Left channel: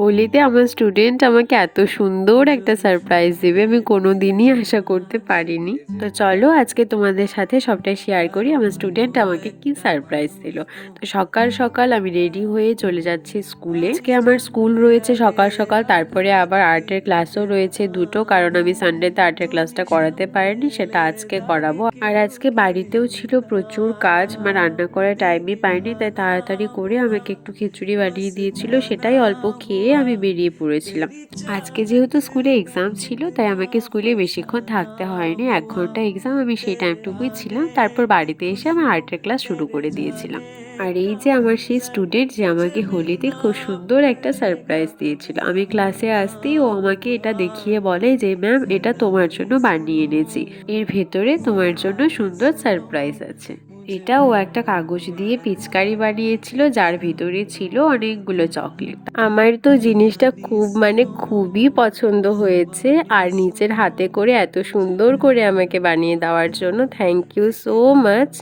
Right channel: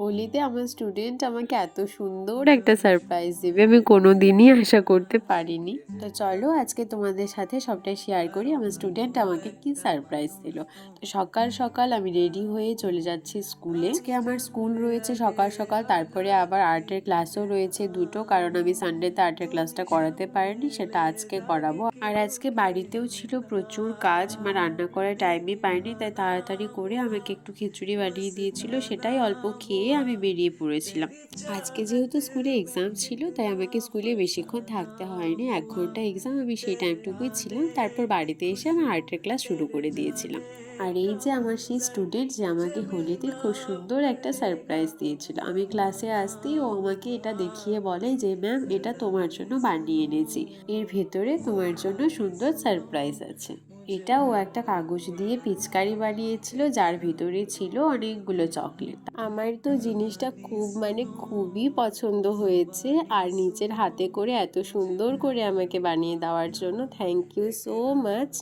হোলিতে আমার স্টুডেন্ট আমাকে এত সুন্দর একটা সারপ্রাইজ দেবে আমি কোনোদিনই আশা করতে পারিনি। তো চলো আজকে তোমাদের সাথে সবটাই শেয়ার করি আমার স্টুডেন্ট আমাকে কি সারপ্রাইজ দিল। তো সকাল সকাল আমি রেডি হয়ে চলে যাচ্ছি স্কুলে। আজকে আমার স্কুল রয়েছে সকাল সকাল, তারপরে আবার আর্টের ক্লাসও রয়েছে দুটো, কারণ আমি সানডেতে আর্টের ক্লাসটা করাতে পারিনি, সেটা আজকে করাবো। আর আজকে বাড়িতেও ছিল প্রচুর কাজ, মানে রান্না করার টাইমই পাইনি, তাই তাড়াতাড়ি করে আমাকে একটু খিচুড়ি বানিয়ে দিয়েছিল, সেটাই অল্প খেয়ে আমি বেরিয়ে পড়েছিলাম। আজকে যেহেতু স্কুলে এক্সাম ছিল তাই আমাকে স্কুলে বেশিক্ষণ থাকতে হয়নি, 1 ঘন্টা এক্সাম, আমি সেই টাইমটুকুই ছিলাম। তারপর বাড়িতে এসে আমি আর্টের ক্লাস শুরু করে দিয়েছিলাম। আর এই যে আমার সেই স্টুডেন্ট যে আমাকে হোলিতে খুব সুন্দর একটা সারপ্রাইজ দিয়েছিল, আমি ক্লাসে আসতেই ও আমাকে এটা দেখিয়ে বলে যে ম্যাম এটা তোমার জন্য বানিয়ে এনেছি, এর ভেতরে তোমার জন্য সুন্দর সারপ্রাইজ আছে। এটা ও একটা কাগজ দিয়ে পিচকারি বানিয়েছিল যার ভিতরে ছিল অনেকগুলো চকলেট। আমার তো জিনিসটা খুব মানে খুবই পছন্দ হয়েছে, আর নিজের হাতে করে এত সুন্দর করে আমাকে বানিয়ে দেওয়ার জন্য থ্যাংক ইউ সো মাচ।